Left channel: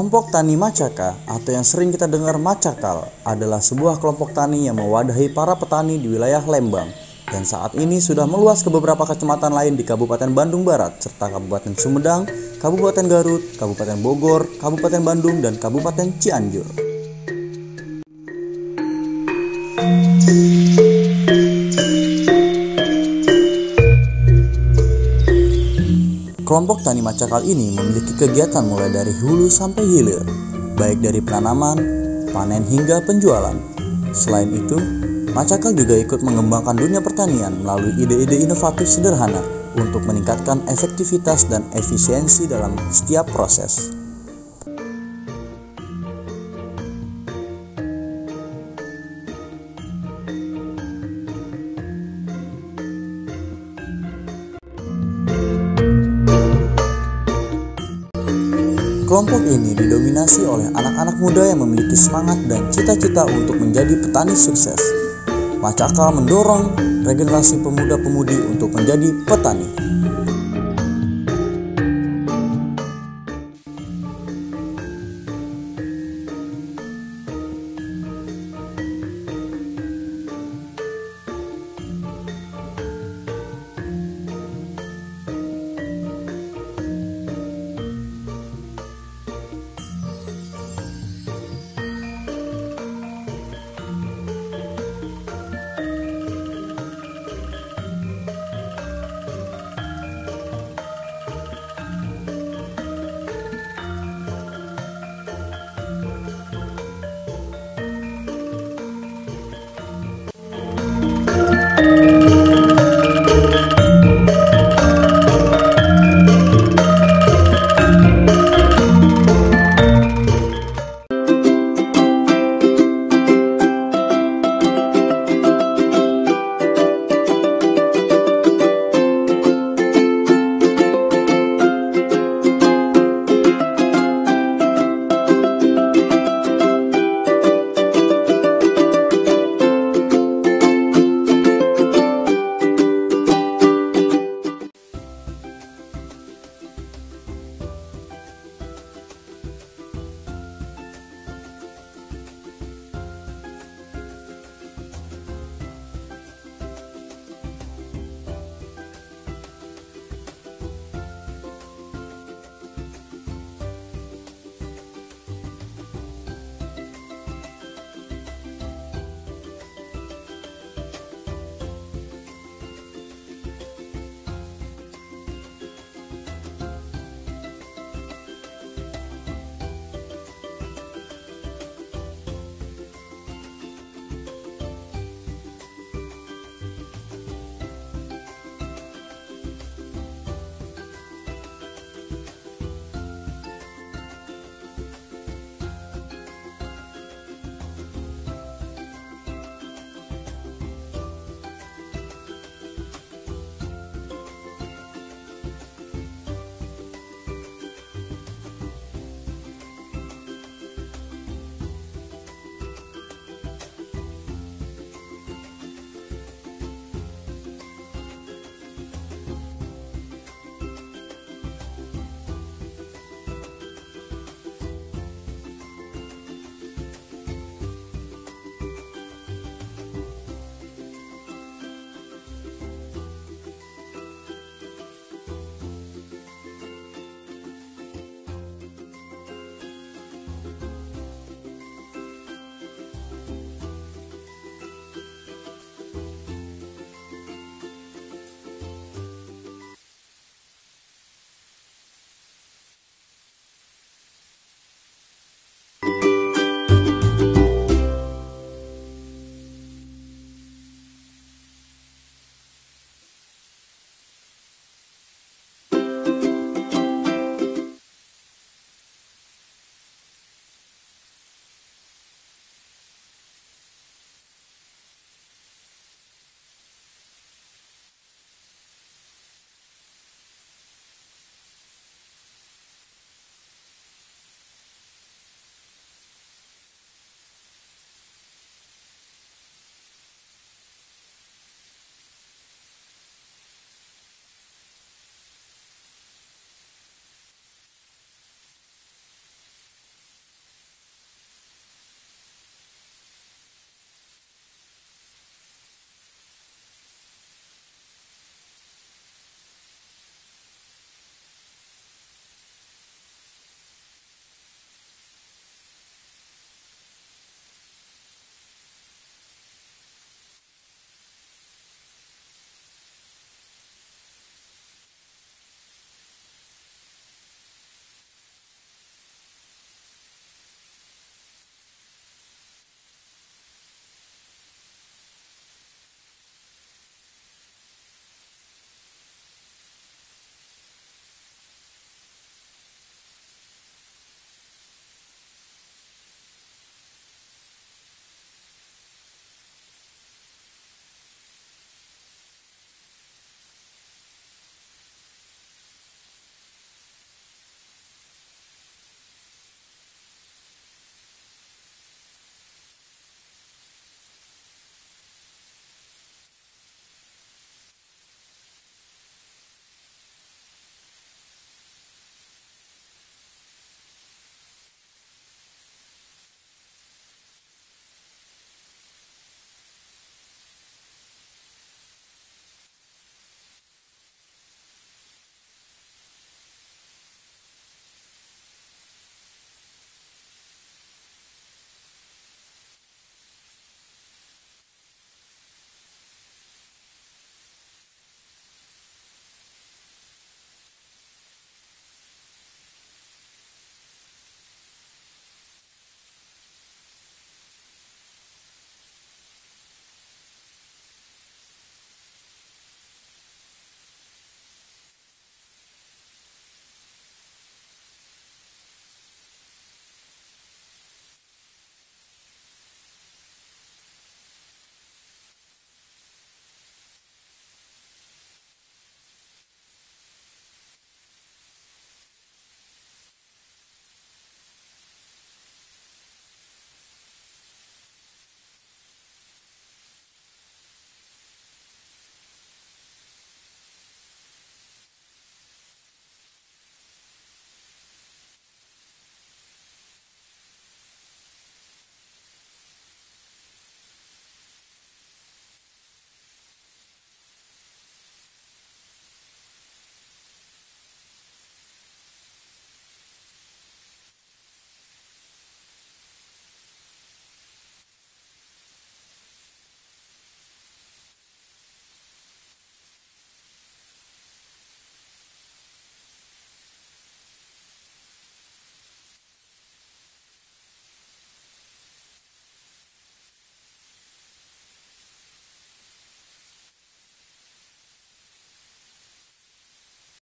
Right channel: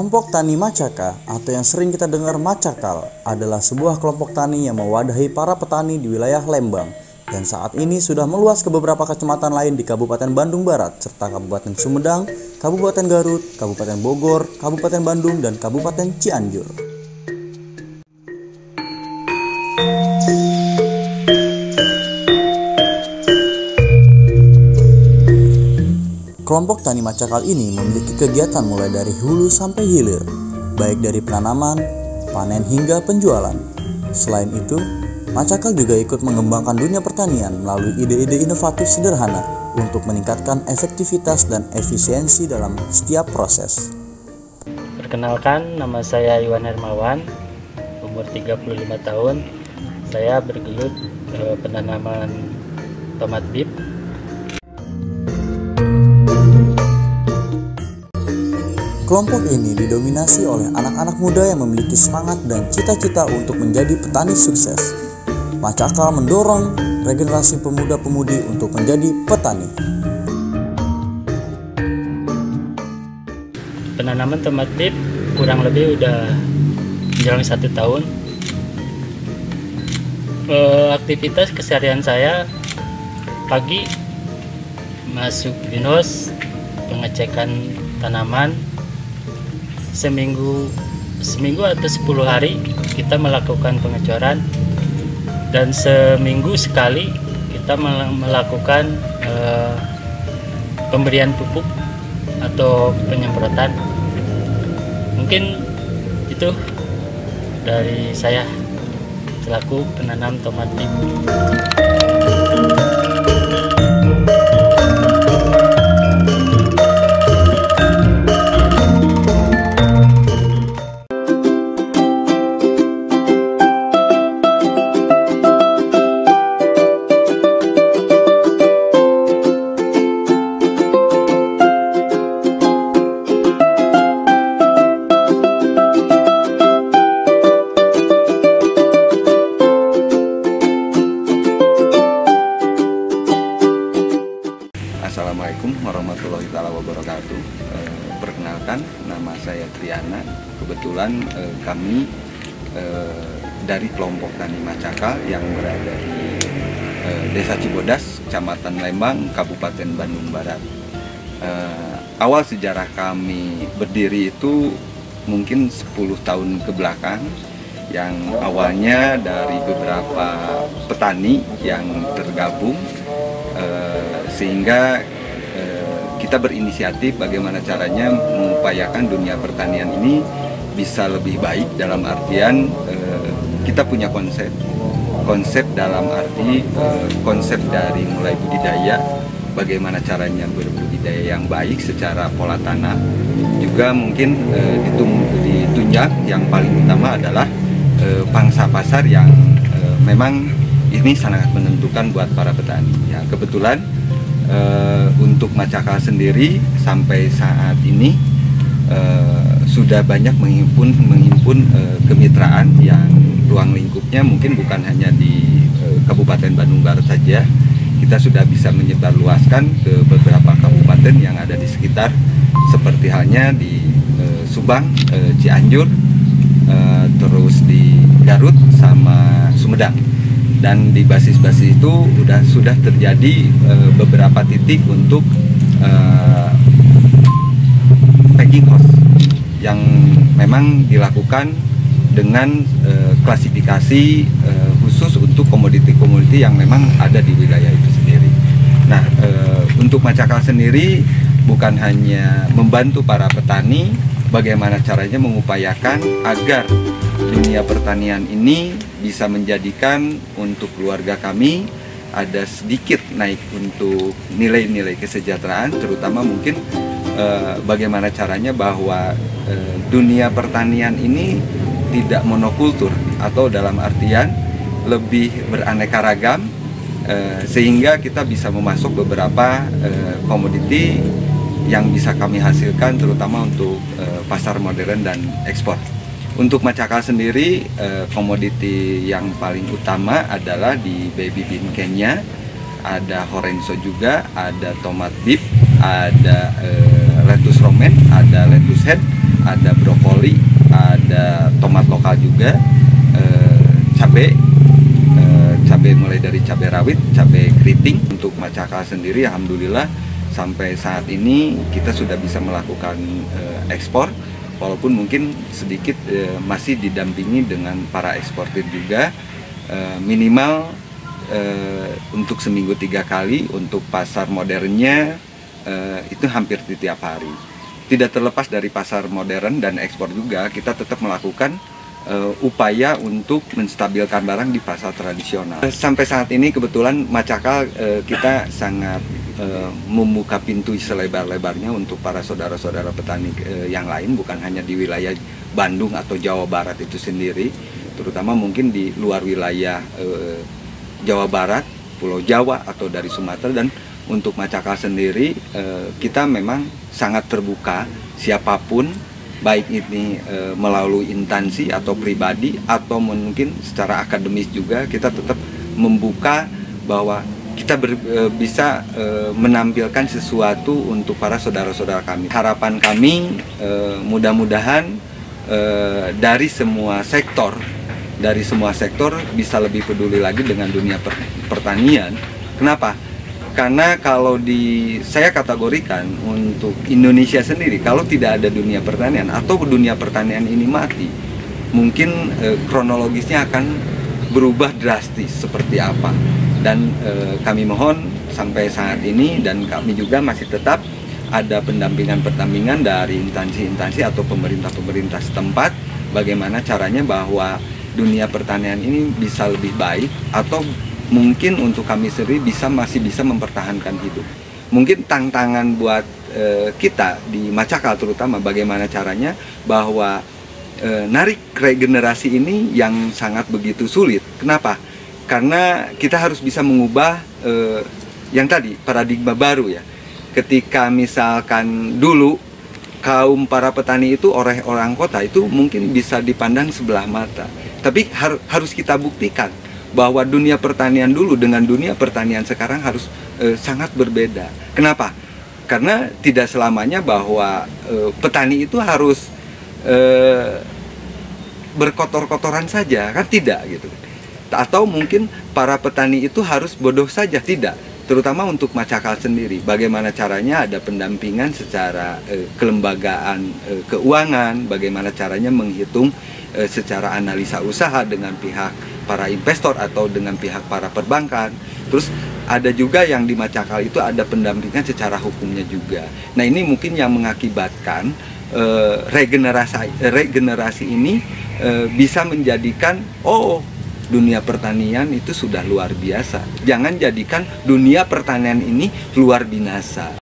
Kelompok Tani Macaka atau yang sering kita dengar Macakal adalah sebuah kelompok tani yang mewadahi para petani di wilayah Lembang dan saat ini sudah meluas ke beberapa kecamatan lain di Kabupaten Bandung Barat serta Kabupaten Sumedang, Kabupaten Garut, Kabupaten Bogor, Kabupaten Bandung, dan Kabupaten Cianjur. Kelompok Tani Macakal ini memiliki kegiatan mulai dari hulu sampai hilir, baik dari penanaman, panen hingga penjualan. Selain itu, Macakal juga ikut mengembangkan dunia pertanian melalui ide-ide inovatif sederhana untuk meningkatkan efektivitas dan efisiensi dalam setiap proses. Perkenalkan, nama saya Iwan Hermawan, umur 35 tahun. Saya bergelut penanaman tomat bib. Kelompok ini didominasi oleh anak-anak muda yang memiliki semangat dan cita-cita untuk menjadi petani sukses. Macakal mendorong regenerasi pemuda-pemudi untuk menjadi petani. Penanaman tomat bib kurang lebih udah menjelang 1 tahun. Aktivitas keseharian saya pagi masuk greenhouse, pengecekan tanaman. Seminggu atau 10 hari kita melakukan pengecoran, dan seminggu sekali kita melakukan pemberian pupuk atau penyemprotan. Mungkin itu dari saya selaku penanam tomat bib. Assalamualaikum warahmatullahi wabarakatuh. Perkenalkan, nama saya Triana. Kebetulan kami dari kelompok Tani Macakal yang berada di Desa Cibodas, Kecamatan Lembang, Kabupaten Bandung Barat. Awal sejarah kami berdiri itu mungkin 10 tahun ke belakang, yang awalnya dari beberapa petani yang tergabung, sehingga kita berinisiatif bagaimana caranya mengupayakan dunia pertanian ini bisa lebih baik, dalam artian kita punya konsep dalam arti konsep dari mulai budidaya, bagaimana caranya berbudidaya yang baik secara pola tanah, juga mungkin ditunjang yang paling utama adalah pangsa pasar yang memang ini sangat menentukan buat para petani. Ya, kebetulan untuk Macakal sendiri sampai saat ini sudah banyak menghimpun kemitraan yang ruang lingkupnya mungkin bukan hanya di Kabupaten Bandung Barat saja. Kita sudah bisa menyebarluaskan ke beberapa kabupaten yang ada di sekitar, seperti halnya di Subang, Cianjur, terus di Garut sama Sumedang. Dan di basis-basis itu sudah terjadi beberapa titik untuk packing house yang memang dilakukan dengan klasifikasi khusus untuk komoditi-komoditi yang memang ada di wilayah itu sendiri. Nah, untuk Macakal sendiri bukan hanya membantu para petani, bagaimana caranya mengupayakan agar dunia pertanian ini bisa menjadikan untuk keluarga kami ada sedikit naik untuk nilai-nilai kesejahteraan, terutama mungkin bagaimana caranya bahwa dunia pertanian ini tidak monokultur, atau dalam artian lebih beraneka ragam, sehingga kita bisa memasok beberapa komoditi yang bisa kami hasilkan, terutama untuk pasar modern dan ekspor. Untuk Macakal sendiri, komoditi yang paling utama adalah di baby bean Kenya, ada Horenzo juga, ada tomat bib, ada lettuce romaine, ada lettuce head, ada brokoli, ada tomat lokal juga, cabai mulai dari cabai rawit, cabai keriting. Untuk Macakal sendiri alhamdulillah sampai saat ini kita sudah bisa melakukan ekspor, walaupun mungkin sedikit masih didampingi dengan para eksportir juga, minimal untuk seminggu 3 kali. Untuk pasar modernnya itu hampir di tiap hari. Tidak terlepas dari pasar modern dan ekspor juga, kita tetap melakukan upaya untuk menstabilkan barang di pasar tradisional. Sampai saat ini kebetulan Macakal kita sangat membuka pintu selebar-lebarnya untuk para saudara-saudara petani yang lain, bukan hanya di wilayah Bandung atau Jawa Barat itu sendiri, terutama mungkin di luar wilayah Jawa Barat, Pulau Jawa atau dari Sumatera. Dan untuk Macakal sendiri kita memang sangat terbuka, siapapun, baik ini melalui instansi atau pribadi atau mungkin secara akademis juga, kita tetap membuka bahwa kita bisa menampilkan sesuatu untuk para saudara-saudara kami. Harapan kami mudah-mudahan dari semua sektor bisa lebih peduli lagi dengan dunia pertanian. Kenapa? Karena kalau saya kategorikan untuk Indonesia sendiri, kalau tidak ada dunia pertanian atau dunia pertanian ini mati, mungkin kronologisnya akan berubah drastis seperti apa. Dan kami mohon sampai saat ini, dan kami juga masih tetap ada pendampingan dari instansi-instansi atau pemerintah-pemerintah setempat, bagaimana caranya bahwa dunia pertanian ini bisa lebih baik, atau mungkin untuk kami sendiri masih bisa mempertahankan hidup. Mungkin tantangan buat kita di Macakal terutama, bagaimana caranya bahwa narik regenerasi ini yang sangat begitu sulit. Kenapa? Karena kita harus bisa mengubah yang tadi, paradigma baru ya. Ketika misalkan dulu kaum para petani itu orang kota itu mungkin bisa dipandang sebelah mata. Tapi harus kita buktikan bahwa dunia pertanian dulu dengan dunia pertanian sekarang harus sangat berbeda. Kenapa? Karena tidak selamanya bahwa petani itu harus berkotor-kotoran saja, kan tidak gitu. Atau mungkin para petani itu harus bodoh saja, tidak. Terutama untuk Macakal sendiri, bagaimana caranya ada pendampingan secara kelembagaan keuangan, bagaimana caranya menghitung secara analisa usaha dengan pihak para investor atau dengan pihak para perbankan. Terus ada juga yang di Macakal itu ada pendampingan secara hukumnya juga. Nah, ini mungkin yang mengakibatkan regenerasi ini bisa menjadikan dunia pertanian itu sudah luar biasa. Jangan jadikan dunia pertanian ini luar binasa.